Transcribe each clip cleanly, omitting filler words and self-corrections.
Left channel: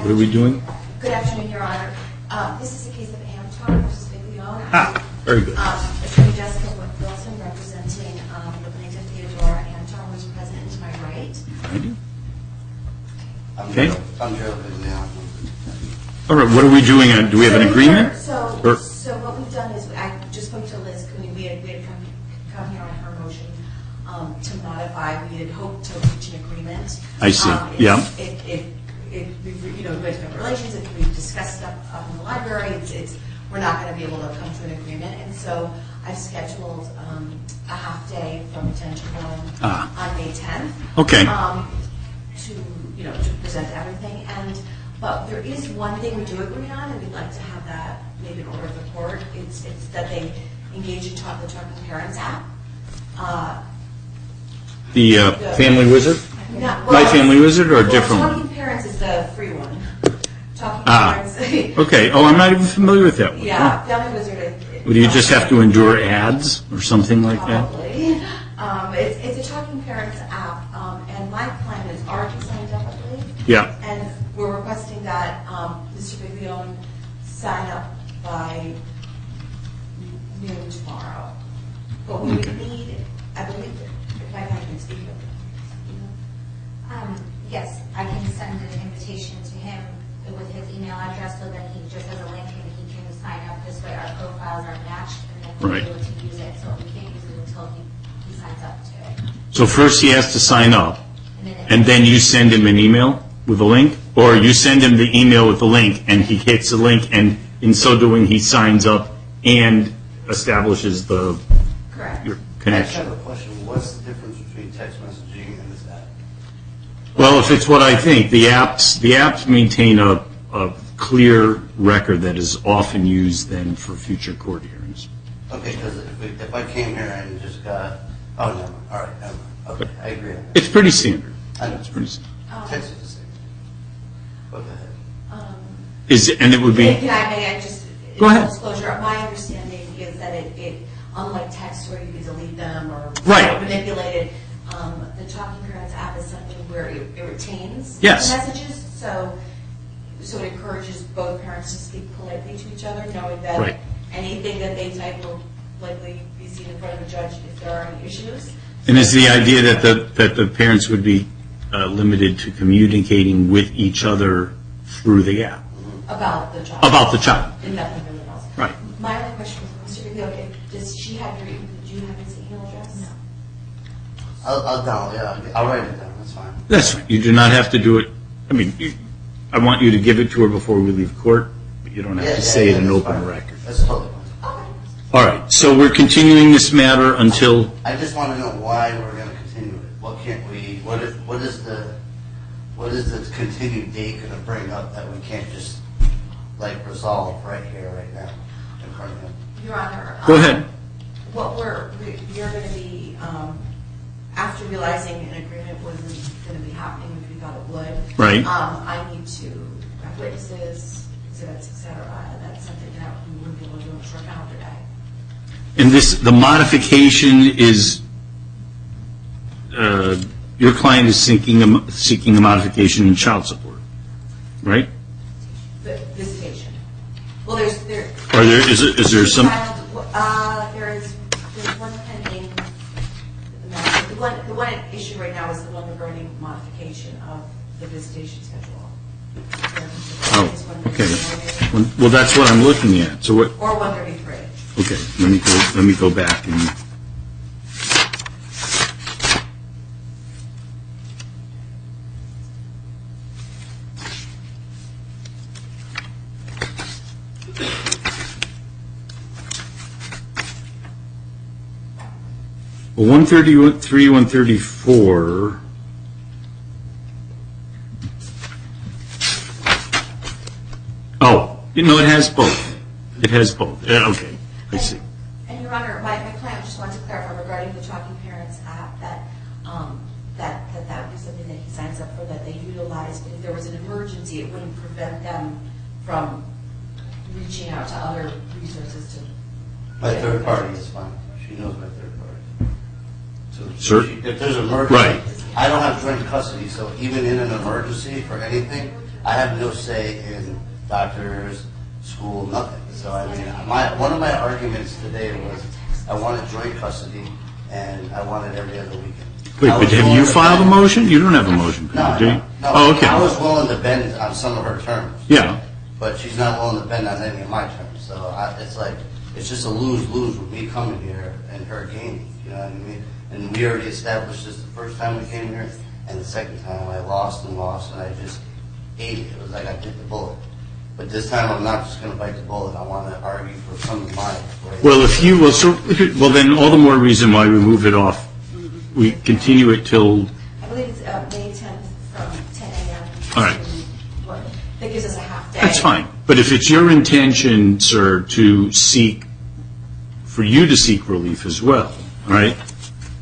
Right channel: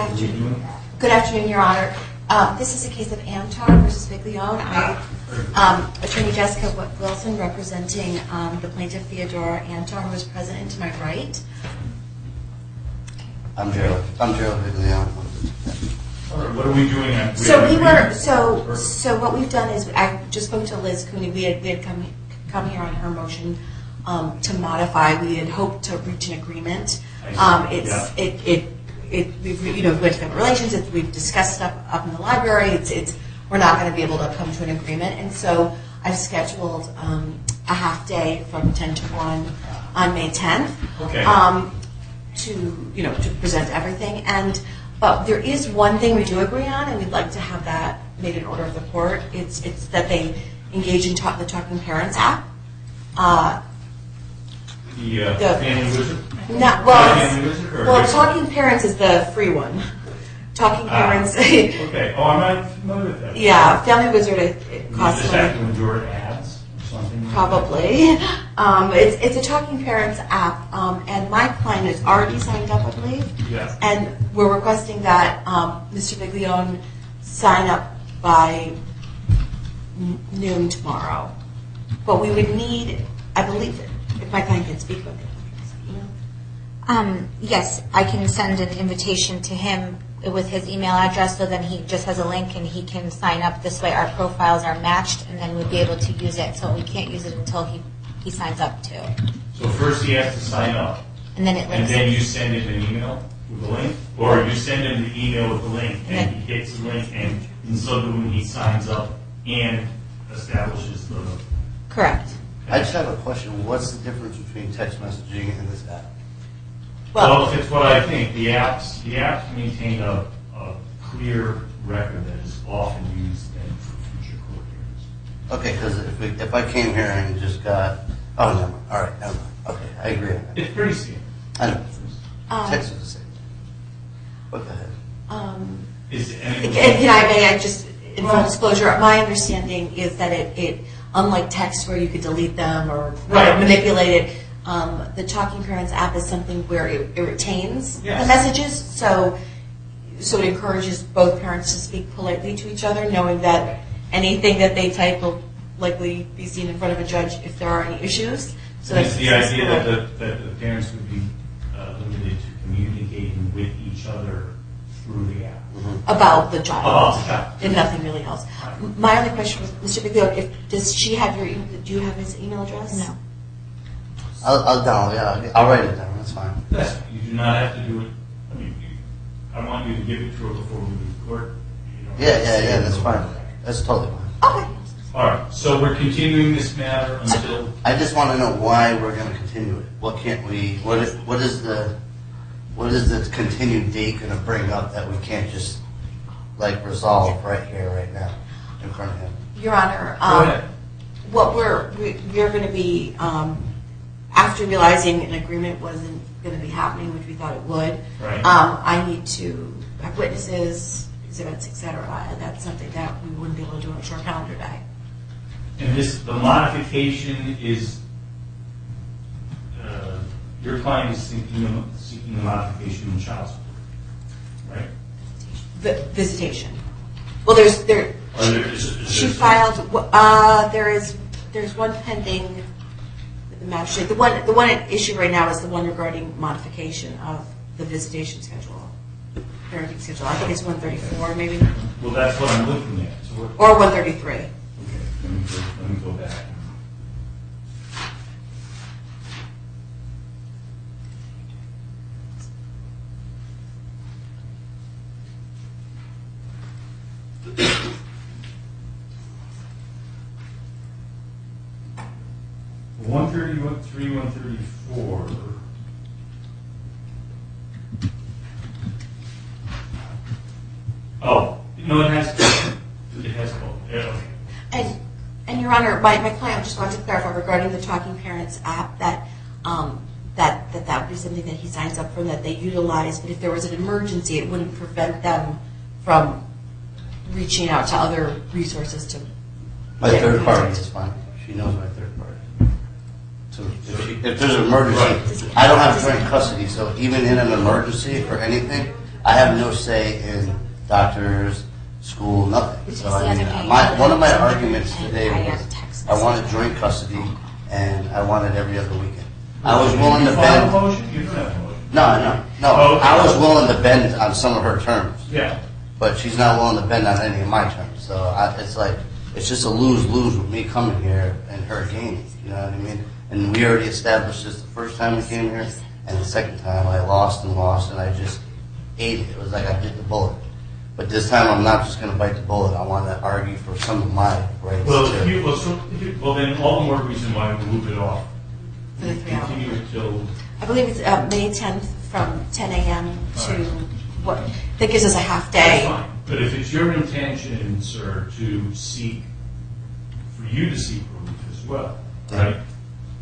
What are we doing? Good afternoon, Your Honor. This is a case of Antar versus Viglione. Very good. Attorney Jessica Wilson representing the plaintiff Theodora Antar, who is present to my right. I'm Gerald Viglione. All right, what are we doing? Do we have an agreement? So what we've done is, I just spoke to Liz Cooney. We had come here on her motion to modify. We had hoped to reach an agreement. I see. We've went to relations. We've discussed stuff up in the library. We're not going to be able to come to an agreement, and so I've scheduled a half day from 10 to 1 on May 10th. Okay. To present everything. But there is one thing we do agree on, and we'd like to have that made in order of the court. It's that they engage in the Talking Parents app. The Family Wizard? My Family Wizard or a different? Talking Parents is the free one. Talking Parents. Okay. Oh, I'm not even familiar with that one. Yeah, Family Wizard. Would you just have to endure ads or something like Probably. It's a Talking Parents app, and my client is already signed up, I believe. Yeah. And we're requesting that Mr. Viglione sign up by noon tomorrow. But we would need, I believe, if my client can speak with him. Yes, I can send an invitation to him with his email address, so then he just has a link and he can sign up. This way our profiles are matched, and then we'll be able to use it. So we can't use it until he signs up too. So first he has to sign up, And and then you send him an email with a link? Or you send him the email with the link, and he hits the link, and in so doing he signs up and establishes the Correct. your I just connection? have a question. What's the difference between text messaging and this app? Well, if it's what I think, the apps maintain a clear record that is often used then for future court hearings. Okay, because if I came here and just got, oh, never mind. All right, never mind. Okay, I agree on that. It's pretty standard. I know. It's pretty standard. Text is the same. What the heck? And it would be. Can I just, in Go ahead. full disclosure, my understanding is that it unlike text where you could delete them or Right. manipulate it, the Talking Parents app is something where it retains Yes. the messages. So it encourages both parents to speak politely to each other, knowing that Right. anything that they type will likely be seen in front of a judge if there are any issues. And is the idea that the parents would be limited to communicating with each other through the app? About the child. About the child. And nothing really else. Right. My only question was, Mr. Viglione, does she have do you have his email address? No. I'll download. Yeah, I'll write it down. That's fine. That's right. You do not have to do it. I mean, I want you to give it to her before we leave court, but you don't have to say it in an that's open fine. record. That's totally fine. Okay. All right. So we're continuing this matter until. I just want to know why we're going to continue it. What can't we? What is the continued date going to bring up that we can't just resolve right here, right now, in front of him? Your Honor. Go ahead. What we're going to be, after realizing an agreement wasn't going to be happening, which we thought it would. Right. I need to have witnesses, exhibits, etc., and that's something that we wouldn't be able to do on a short calendar day. And the modification is, your client is seeking a modification in child support, right? The visitation. Well, there's Is there some? There's one pending. The magistrate. The one at issue right now is the one regarding modification of the visitation schedule. Oh, It's 134 maybe, okay. Well, that's what I'm looking at. So what? or 133. Okay, let me go back and. Well, 133, 134. Oh, it has both. It has both. Okay. I see. And Your Honor, my client just wanted to clarify regarding the Talking Parents app that that would be something that he signs up for, that they utilize. But if there was an emergency, it wouldn't prevent them from reaching out to other resources to. My third party is fine. She knows my third party. So Sure. if there's an emergency, I don't have joint custody, so even in an emergency for anything, I have no say in doctors, school, nothing. So I mean, one of my arguments today was I wanted joint custody and I wanted every other weekend. Wait, I but was have willing you to filed a bend- motion? You don't have a motion. No, do you? no, no. Oh, okay. I was willing to bend on some of her terms. Yeah. But she's not willing to bend on any of my terms. So it's like, it's just a lose-lose with me coming here and her gaining. You know what I mean? And we already established this the first time we came here, and the second time I lost, and I just ate it. It was like I bit the bullet. But this time I'm not just going to bite the bullet. I want to argue for some of my rights. Well, well, then all the more reason why we move it off. We continue it till, I believe it's May 10th from 10 a.m. All right. to, what, that gives us a half day. that's fine. But if it's your intention, sir, for you to seek relief as well, right?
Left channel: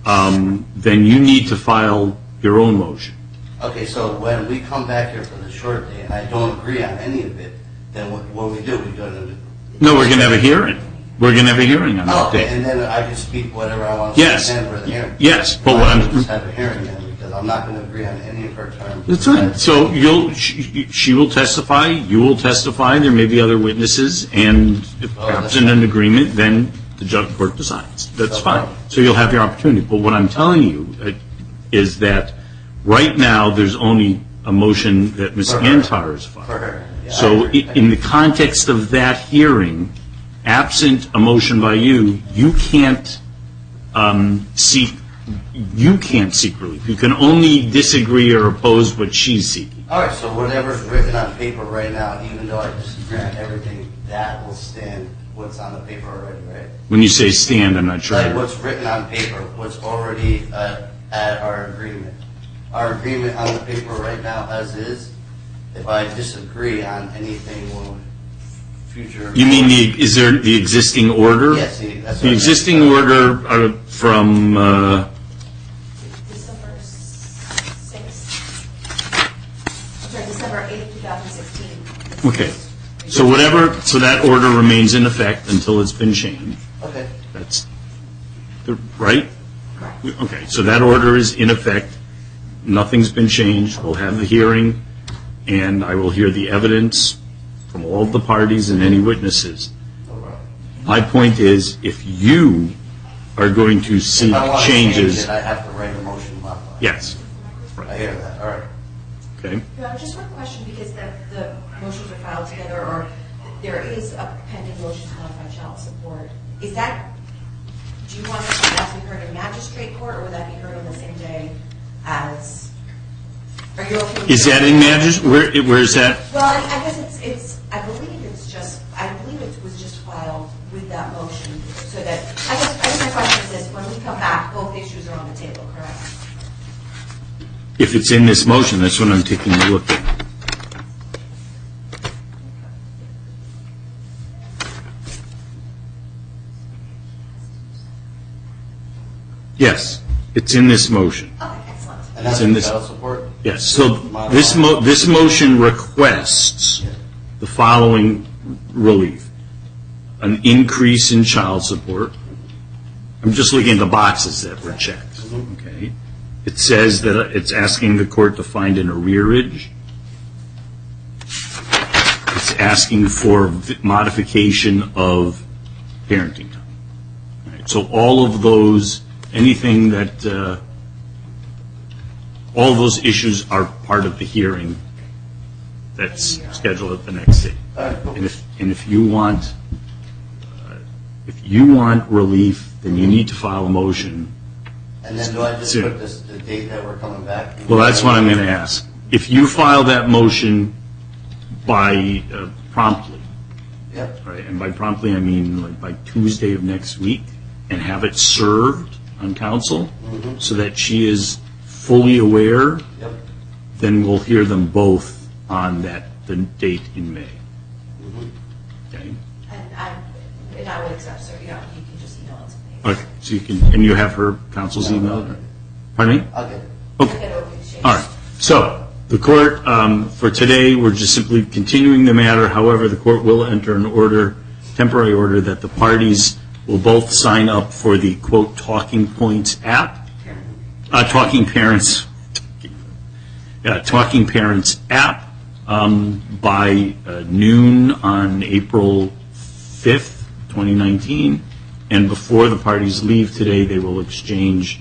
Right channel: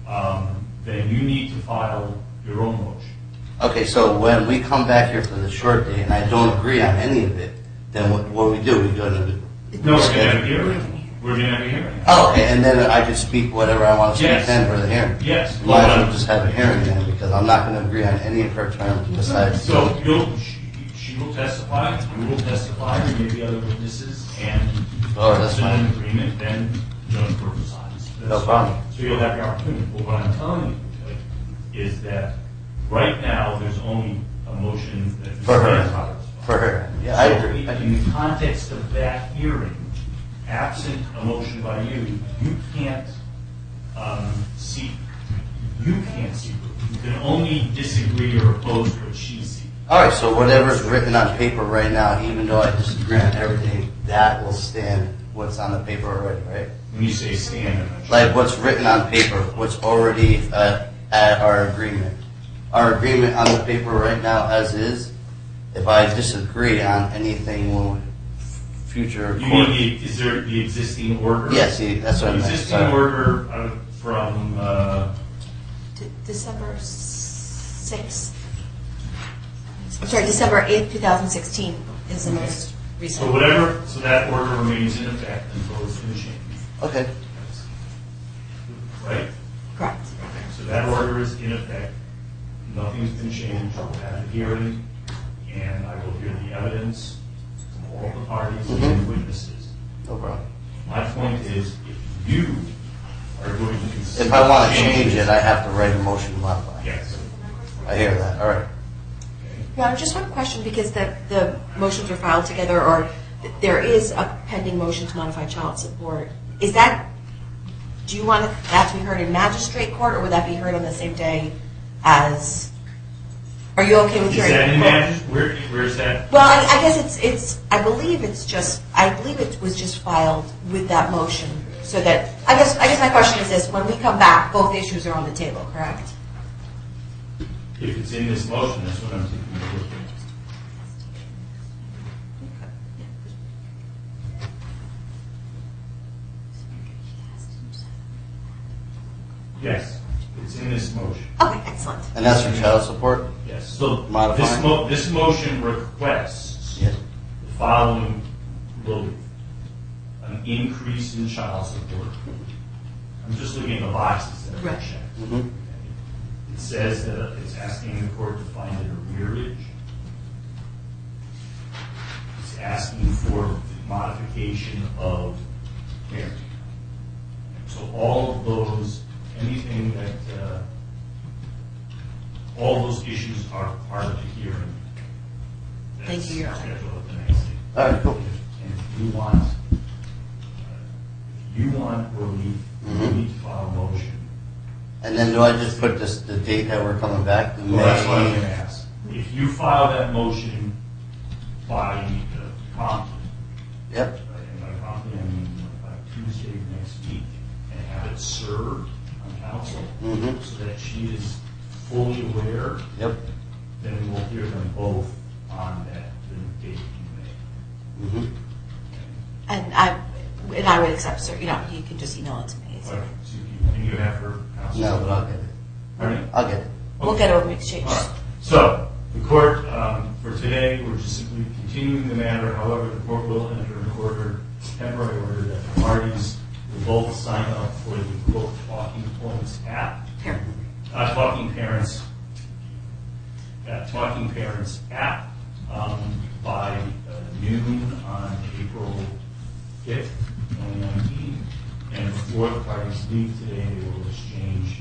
Then you need to file your own motion. Okay, so when we come back here for the short day and I don't agree on any of it, then what we do? We go to... No, we're going to have a hearing. We're going to have a hearing on it. Oh, okay, and then I can speak whatever I want to Yes. say for the hearing. Yes. Well, I'll just have a hearing then, because I'm not going to agree on any of her terms. That's right. So she will testify, you will testify, there may be other witnesses, and if Oh, that's there's an fine. agreement, then the judge court decides. That's No fine. problem. So you'll have your opportunity. But what I'm telling you is that right now, there's only a motion that Ms. For her. Antar has filed. For her, yeah. I So agree. in the context of that hearing, absent a motion by you, you can't seek relief. You can only disagree or oppose what she's seeking. All right, so whatever's written on paper right now, even though I disagree on everything, that will stand what's on the paper already, right? When you say stand, I'm not sure. Like what's written on paper, what's already at our agreement. Our agreement on the paper right now as is, if I disagree on anything future... You mean is there the existing order? Yes, see, that's what The I meant. existing Sorry. order from, December 6th. I'm sorry, December 8th, 2016. is the okay. most recent. So that order remains in effect until it's been changed. Okay. That's, right? Correct. Okay, so that order is in effect. Nothing's been changed. We'll have the hearing, and I will hear the evidence from all the parties and any witnesses. No problem. My point is, if you are going to seek If I want to change changes... it, I have to write a motion to modify it. Yes. I hear that, all right. Okay. Yeah, just one question, because the motions are filed together, or there is a pending motion to modify child support. Is that, do you want that to be heard in magistrate court, or would that be heard on the same day as, are you okay with... Is that in magistrate? Where is that? Well, I guess it's, I believe it was just filed with that motion, so that, I guess my question is this: when we come back, both issues are on the table, correct? If it's in this motion, that's what I'm taking a look at. Yes, it's in this motion. Okay, excellent. And that's in for this- child support? Yes, so Modify. this motion requests Yes. the following relief. An increase in child support. I'm just looking at the boxes that were checked. Okay. It says that it's asking the court to find an arrearage. It's asking for modification of parenting time. All right, so all of those, anything that, all those issues are part of the hearing that's Thank you. scheduled at the next day. All right, cool. And if you want relief, then you need to file a motion. And then do I just put the date that we're coming back? Well, that's what I'm going to ask. If you file that motion by promptly, Yep, right, and by promptly I mean like by Tuesday of next week, and have it served on counsel so that she is fully aware, yep. then we'll hear them both on the date in May. Okay? And I would accept, sir, you can just email it to me. Okay, so you can, and you have her counsel's No, email? I'll get it. Pardon me? I'll get it. We'll get it exchanged. All right. So the court, for today, we're just simply continuing the matter. However, the court will enter an order, temporary order, that the parties will both sign up for the, quote, Talking Points app. Talking Parents app, by noon on April 5th, 2019, and before the parties leave today, they will exchange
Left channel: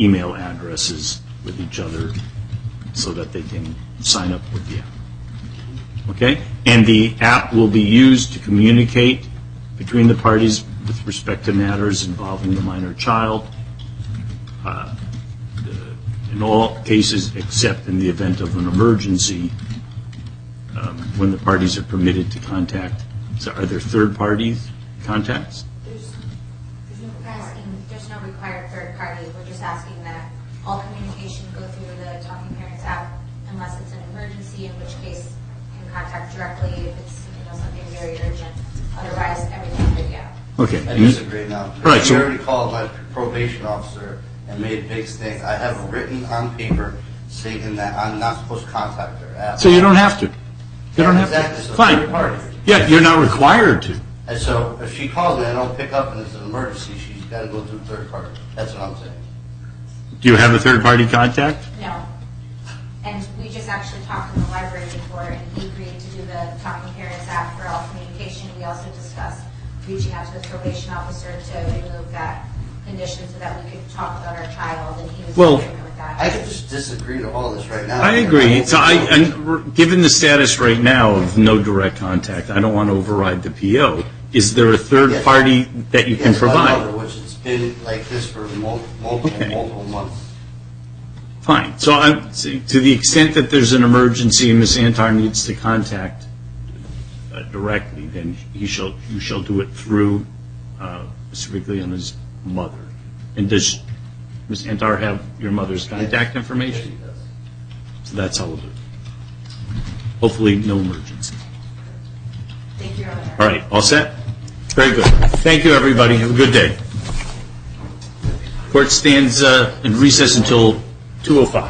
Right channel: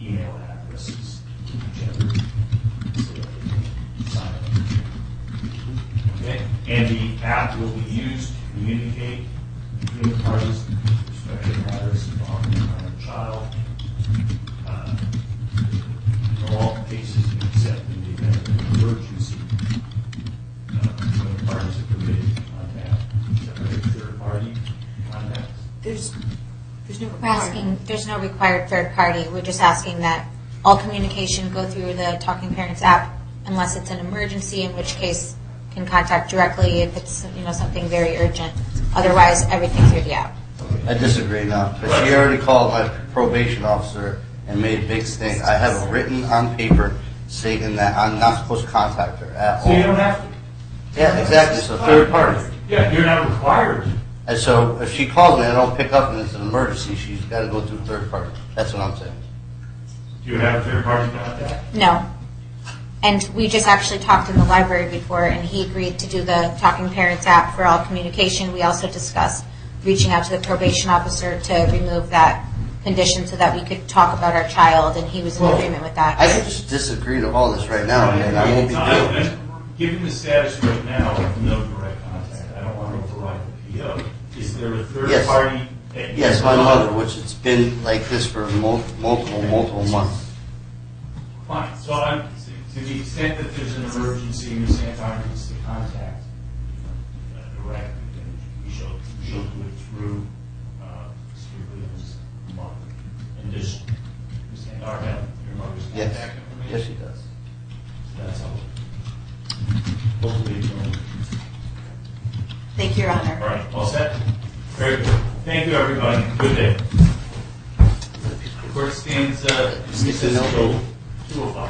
email addresses with each other so that they can sign up with you. Okay? And the app will be used to communicate between the parties with respect to matters involving a minor child, in all cases except in the event of an emergency, when the parties are permitted to contact. So are there third-party contacts? There's no We're asking, there's no required third party. We're just asking that all communication go through the Talking Parents app unless it's an emergency, in which case can contact directly if it's, something very urgent. Otherwise, everything through the app. Okay. I disagree now. Right, She so- already called my probation officer and made a big stink. I have it written on paper stating that I'm not supposed to contact her at So all. you don't have to. You don't Yeah, have to. exactly, so Fine. third party. Yeah, you're not required to. And so if she calls me, I don't pick up and it's an emergency, she's got to go through third party. That's what I'm saying. Do you have a third-party contact? No. And we just actually talked in the library before, and he agreed to do the Talking Parents app for all communication. We also discussed reaching out to the probation officer to remove that condition so that we could talk about our child, and he was in Well, agreement with that. I could just disagree to all this right now. I and agree. won't So be guilty. given the status right now of no direct contact, I don't want to override the PO. Is there a third Yes. party that you can Yes, my mother, provide? which it's been like this for multiple months. Fine. So to the extent that there's an emergency and Ms. Antar needs to contact directly, then you shall do it through Mr. Viglione's mother. And does Ms. Antar have your mother's contact Yes, information? she does. So that's all of it. Hopefully, no emergency. Thank you, Your Honor. All right, all set? Very good. Thank you, everybody. Have a good day. Court stands in recess until 2:05.